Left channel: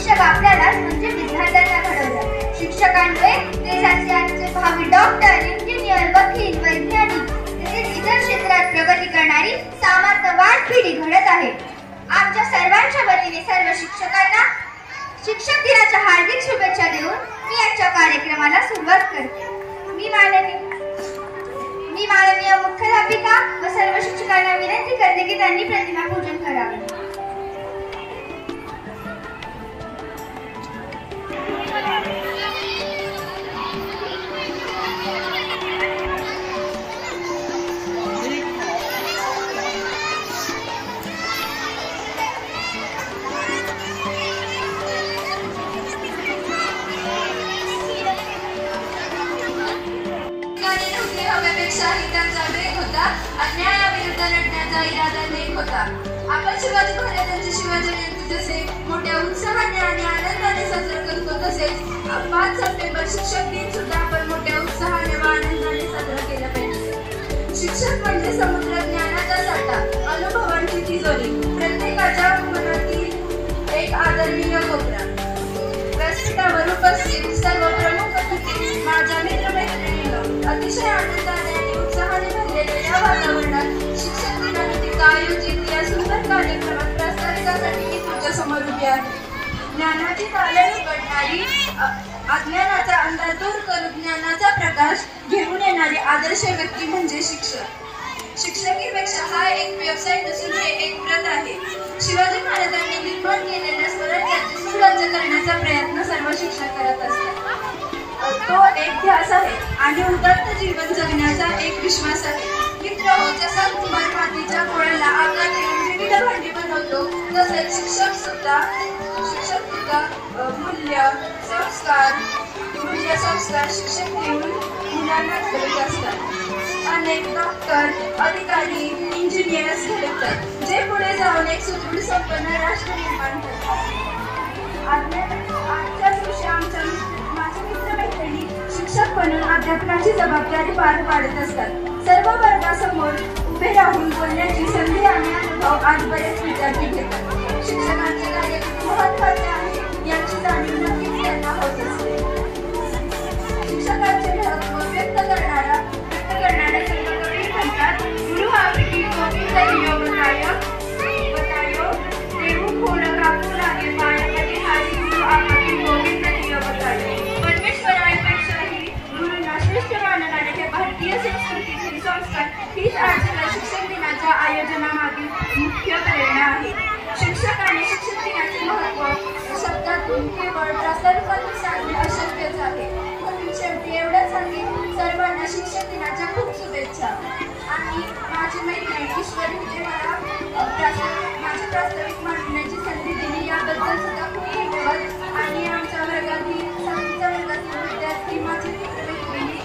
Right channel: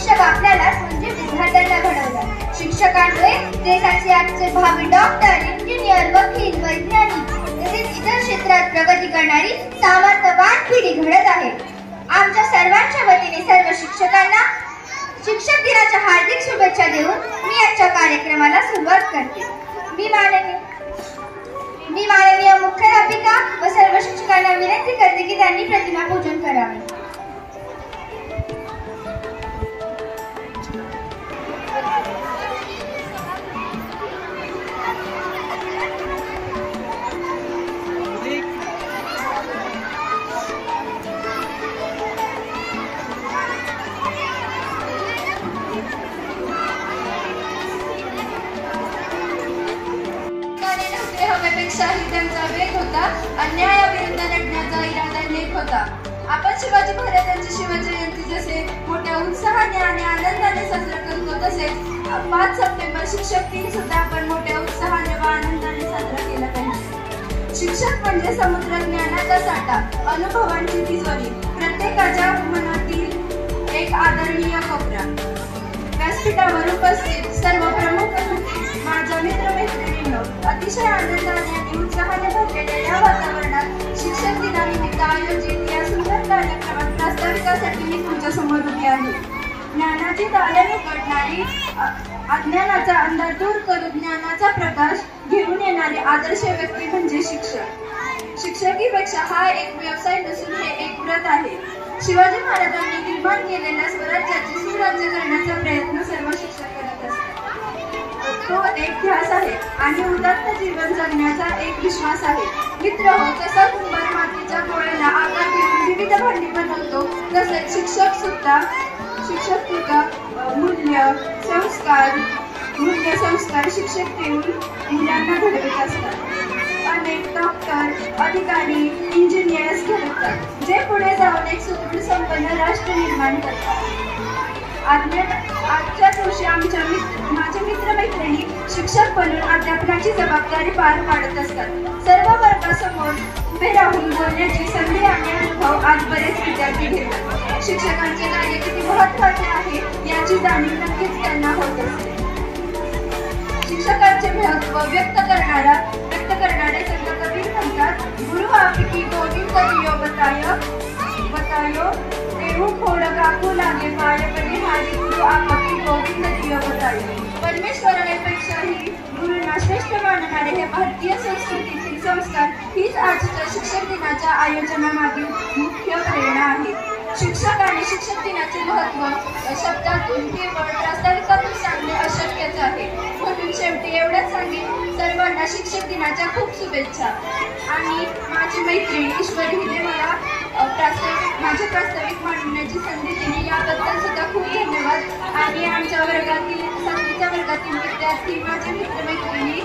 शिक्षक आपल्याला म्हणजे विद्यार्थ्यांना घडवतात। शिक्षकांमुळे देशाचे आजचे भावी डॉक्टर, इंजिनियर, वकील, वैज्ञानिक तसेच इतर क्षेत्रात प्रगती करणारी सामर्थ्यवान पिढी घडत आहे। आमच्या सर्वांच्या वतीने सर्व शिक्षकांना शिक्षक दिनाच्या हार्दिक शुभेच्छा देऊन मी आजच्या कार्यक्रमाला सुरुवात करते। मी माननीय मुख्याध्यापिका व सर्व शिक्षकांना विनंती करते की त्यांनी प्रतिमा पूजन करावे। हवेपेक्षाही त्यांचा वेग होता, अन्यायाविरुद्ध लढण्याचा इरादा नेक होता। आपण शिवाजी महाराजांची शिवजयंती जसे मोठ्या उत्साहाने आणि आनंदाने साजरा करतो, तसेच 5 सप्टेंबर शिक्षक दिन सुद्धा आपण मोठ्या उत्साहाने व आनंदाने साजरा केला पाहिजे। शिक्षक म्हणजे समुद्र ज्ञानाचा साठा, अनुभवांची तिजोरी, प्रत्येकाच्या मनातील एक आदरणीय कोपरा। व्यासपीठावर उपस्थित सर्व प्रमुख अतिथी, माझ्या मित्रमैत्रिणींनो, अतिशय आनंदाने आणि उत्साहाने भरलेल्या या वातावरणात शिक्षक दिनानिमित्त आयोजित या सुंदर कार्यक्रमात प्रास्ताविकासाठी मी तुमच्या समोर उभी आहे। ज्ञानाची ताले उघडणारी, अज्ञानाचा अंधार दूर करून ज्ञानाचा प्रकाश घेऊन येणारे आदर्श व्यक्ती म्हणजे शिक्षक। शिक्षकीपेक्षा हा एक व्यवसाय नसून हे एक व्रत आहे। शिवाजी महाराजांनी निर्माण केलेल्या स्वराज्याचे सुराज्य करण्याचा प्रयत्न सर्व शिक्षक करत असतात। तो एक ध्यास आहे आणि उदात्त जीवन जगण्याचा एक विश्वास आहे। मित्रहो, जसा कुंभार मातीच्या गोळ्याला आकार देऊन विविध भांडी बनवतो, तसेच शिक्षक सुद्धा मूल्य संस्कार शिक्षक देऊन मुलांना घडवत असतात। अनेक डॉक्टर, अधिकारी, इंजिनियर्स घडवतात, जे पुढे जाऊन एक सुदृढ संपन्न राष्ट्र निर्माण करतात। आजच्या दिवशी माझ्या मित्रमैत्रिणी शिक्षक बनून अध्यापनाची जबाबदारी पार पाडत असतात। सर्व वर्गासमोर उभे राहून बोलण्याची संधी आणि अनुभव आज बरेच विद्यार्थी घेतात। शिक्षकांचे कार्य किती महत्त्वाचे आहे याची जाणीव नक्कीच त्यांना होत असते। शिक्षकांचे महत्त्व व्यक्त करणारे संत कबीर म्हणतात, गुरु आपकी गोविंद लियो बतायो देहु खोड काकू लागे पाय कधी हारी गुरु आपकी गोविंद लियो बतायो। परमेश्वरापेक्षाही गुरुंना श्रेष्ठ मानणारे हे भारतीय संस्कृतीतील संस्कार हीच आजच्या शिक्षक दिनाच्या आयोजनामागील मुख्य प्रेरणा आहे। शिक्षक आणि शिक्षक दिनाचे महत्त्व शब्दातून केवळ प्रास्ताविकातून सांगणे अशक्यच आहे। म्हणून शेवटी एवढंच सांगेन, सर्वांना शिक्षक दिनाच्या खूप शुभेच्छा। आणि माझी मैत्रीण ईश्वरी हिने मला माझ्या प्रास्ताविक मांडण्याची संधी दिली, याबद्दल सुद्धा खूप धन्यवाद। आणि आमच्या वर्गातील 7वीच्या वर्गातील विद्यार्थी, माझे मित्रमैत्रिणी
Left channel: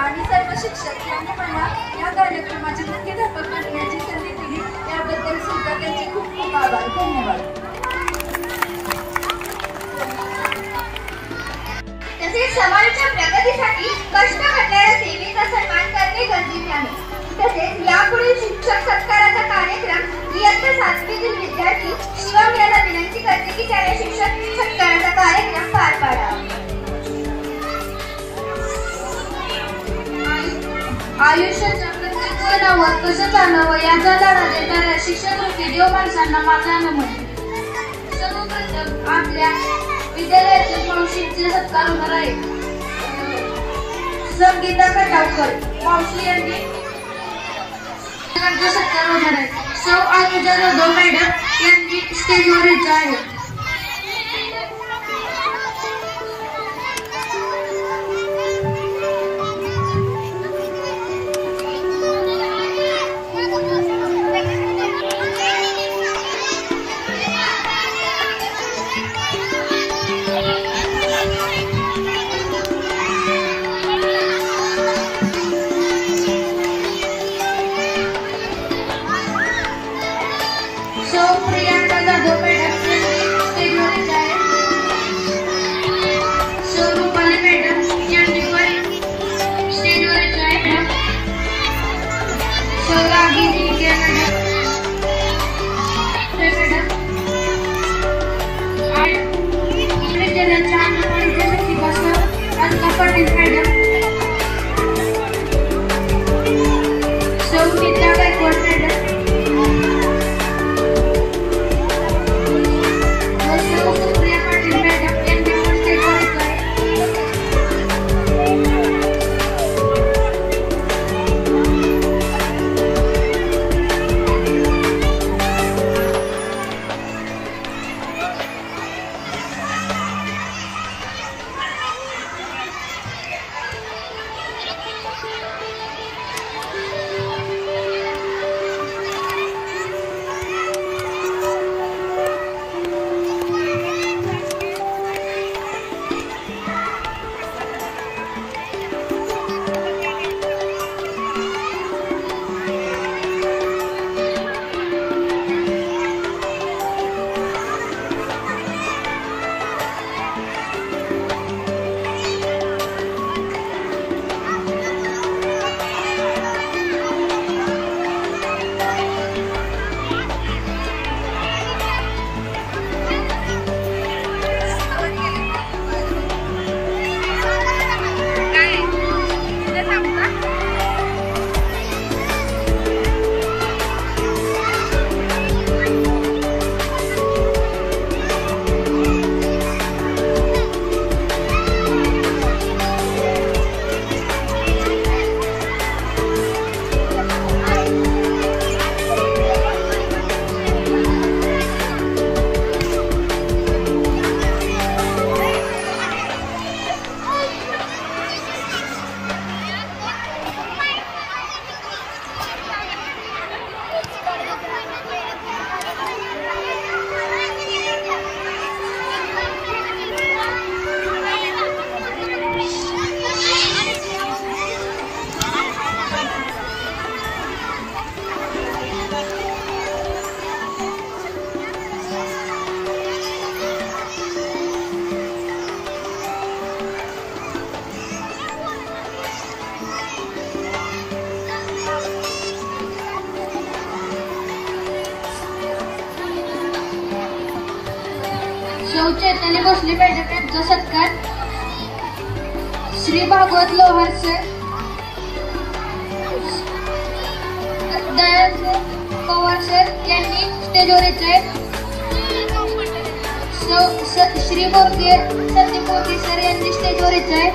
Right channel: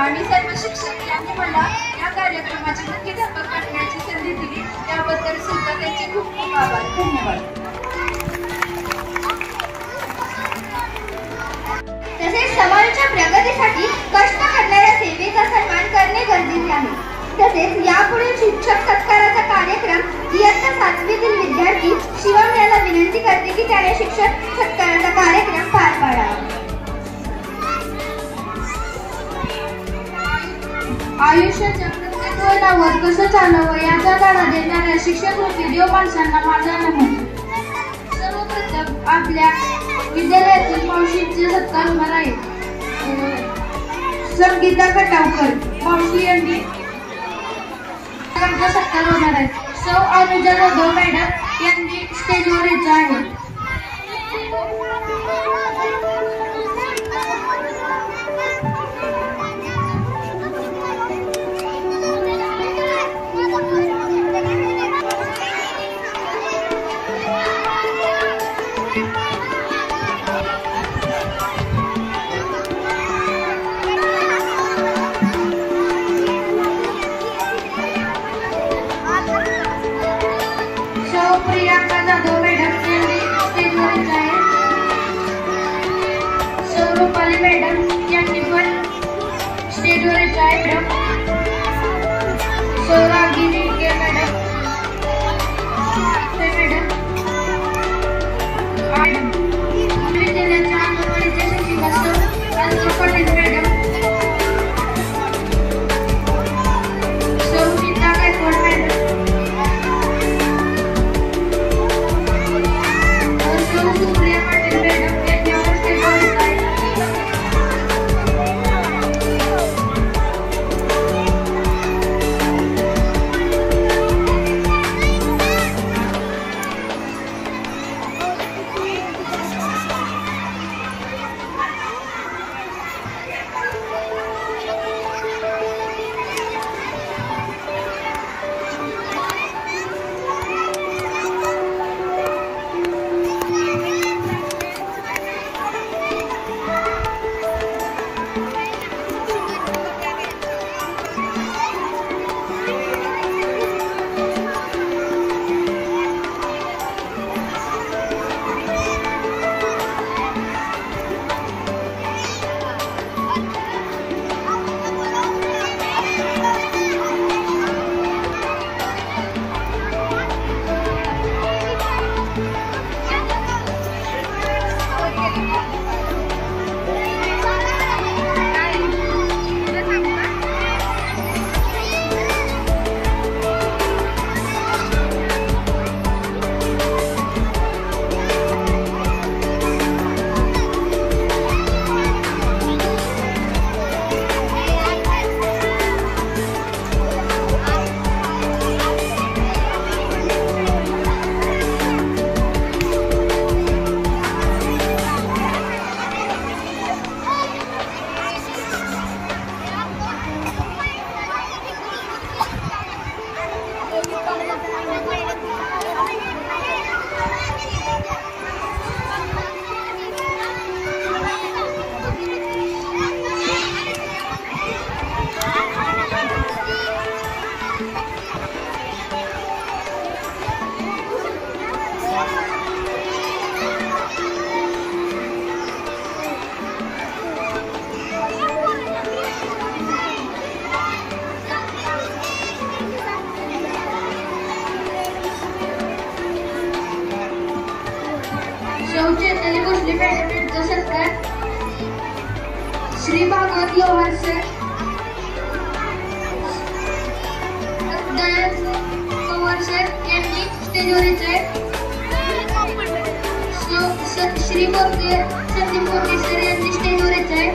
आणि सर्व शिक्षक यांनी मला या कार्यक्रमाची मुख्याध्यापक बनण्याची संधी दिली, याबद्दल सुद्धा त्यांचे खूप खूप आभार। धन्यवाद। तसेच समाजाच्या प्रगतीसाठी कष्ट करणाऱ्या सेवेचा सन्मान करणे गरजेचे आहे। तसेच यापुढे शिक्षक सत्काराचा कार्यक्रम इयत्ता 7वीतील विद्यार्थी शिवम यांना विनंती करते की त्याने शिक्षक सत्काराचा कार्यक्रम पार पाडावा। आयुष्याच्या प्रत्येक वळणावर कसं चालावं याचा धडा देणाऱ्या शिक्षक देव माणसांना माझा नमन। सर्वप्रथम आपल्या विद्यालयातील मावशींचे सत्कार होणार आहे। संगीता खटावकर मावशी यांनी सत्कार होणार आहे। सौ अनुजा जाधव मॅडम यांनी स्टेजवर यायचं आहे। प्रियंका जाधव मॅडम यांनी स्टेजवर यायचं आहे। सौ रुपाली मॅडम यांनी पण स्टेजवर यायचं आहे। सौ रागिनी मॅडम सौ चैतन्य भोसले मॅडम यांचा सत्कार, श्री भागवत लोहार सर, दयाल पवार सर यांनी स्टेजवर यायचे आहेत. श्री मोरके संदीप मोरके सर यांनी स्टेजवर यायचे आहेत.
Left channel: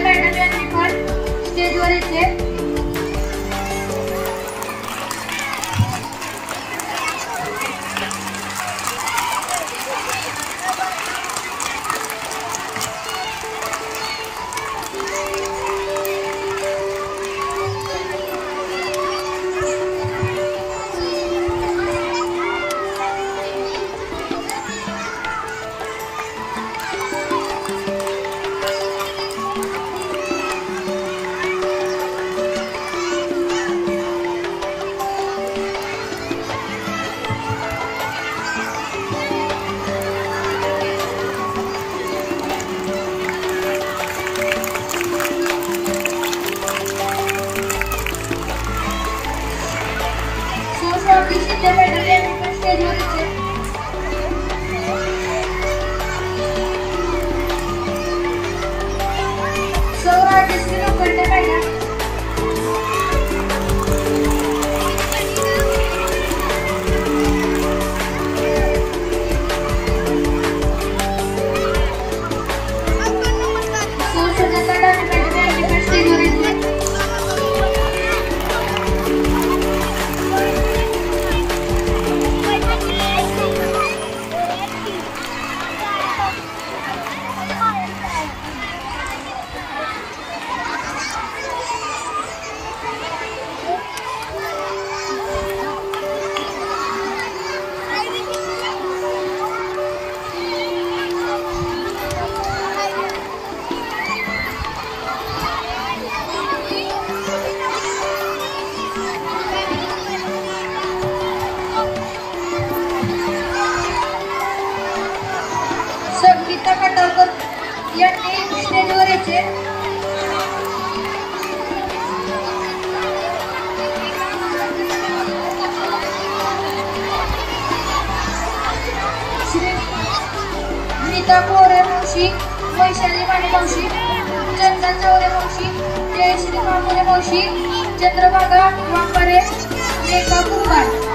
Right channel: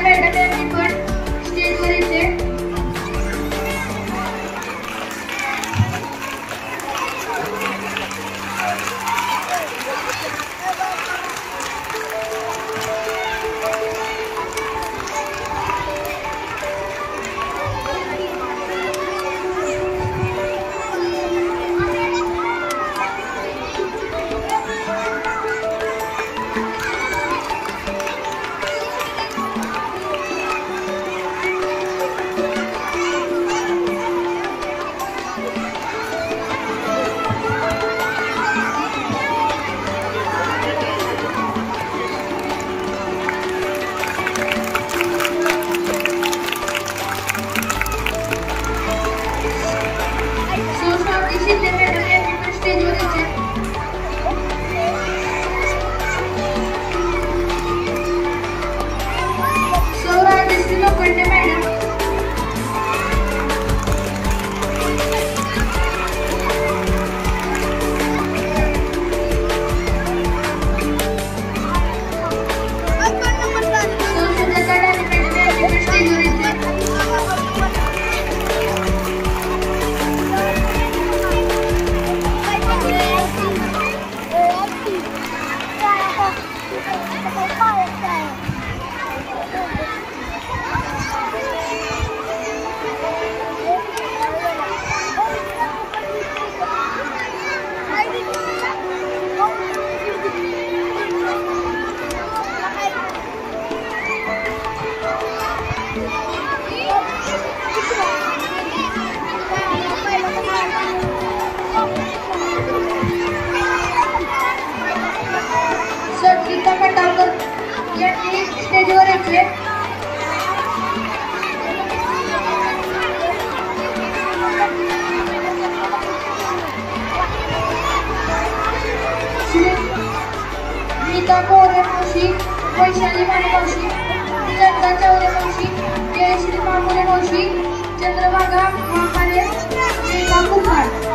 मॅडम यांनी पण स्टेजवर यायचे. शिंदे मॅडम यांनी पण स्टेजवर यायचे. सौ राजश्री लोखंडे मॅडम, सौ सुजाता डाले मॅडम यांनी पण स्टेजवर यायचे. गीता खटावकर यांनी स्टेजवर यायचे. श्री नीता कोरे मावशी, वैशाली माने मावशी, चंदन चौरे मावशी, जयश्री मामुले मावशी, चंद्रभागा वांपारे, रेखा कुंभार.